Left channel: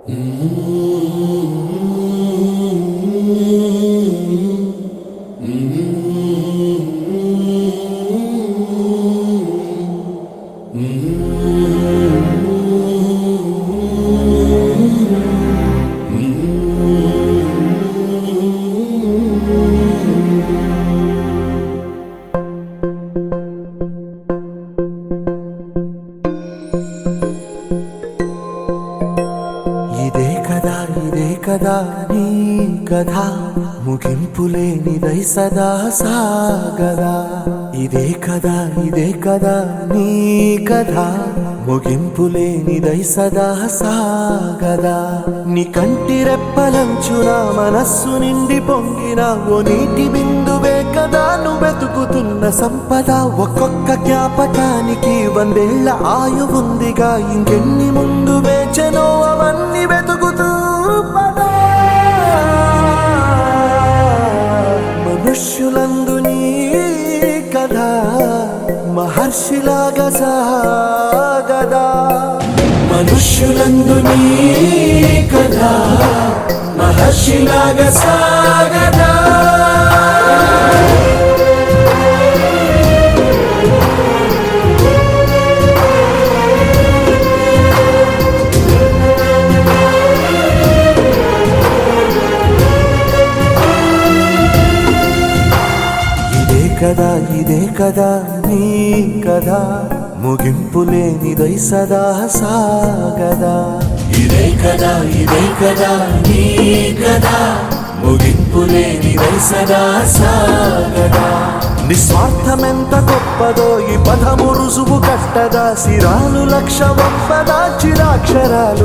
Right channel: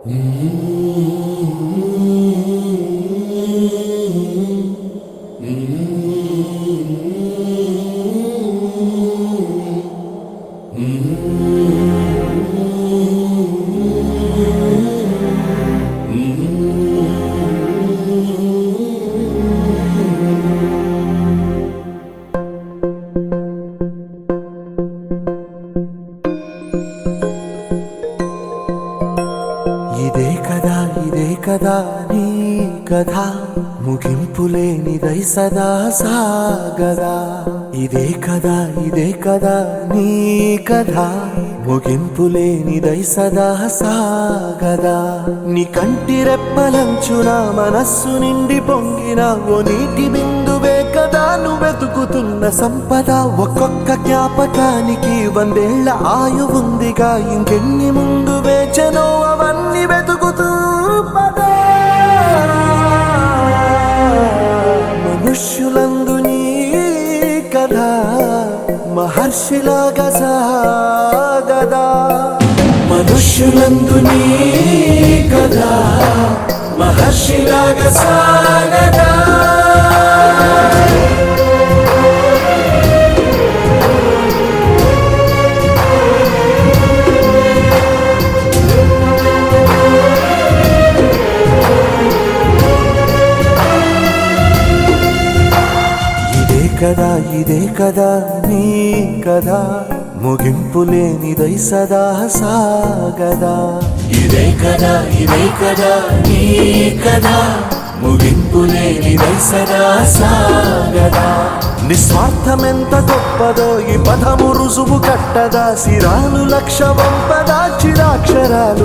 ఇదే కదా నీ కథ ముగింపులేనిదై సదా సాగదా. ఇదే కదా నీ కథ ముగింపులేనిదై సదా సాగదా. నీ కంటి రెప్పలంచున మనస్సు నిండి పొంగిన ఓ నీటి బిందువే కదా నువ్వెతుకుతున్న సంపద. ఒక్కొక్క జ్ఞాపకానికి 100 ఏళ్ల ఆయువుందిగా, ఇంకెన్ని ముందు వేచనో అవన్నీ వెతుకుతూ పదా. మనుష్యులందు నీ కథ మహర్షిలాగా సాగదా. మనుష్యులందు నీ కథ మహర్షిలాగా సాగదా. ఇదే కదా నీ కథ ముగింపులేనిదై సదా సాగదా. ఇదే కదా నీ కథ ముగింపులేనిదై సదా సాగదా. నిస్వార్థమెంత గొప్పదో ఈ పదము రుజువు కట్టదా. సిరాలు లక్ష వంపదా చిరాక్షరాలు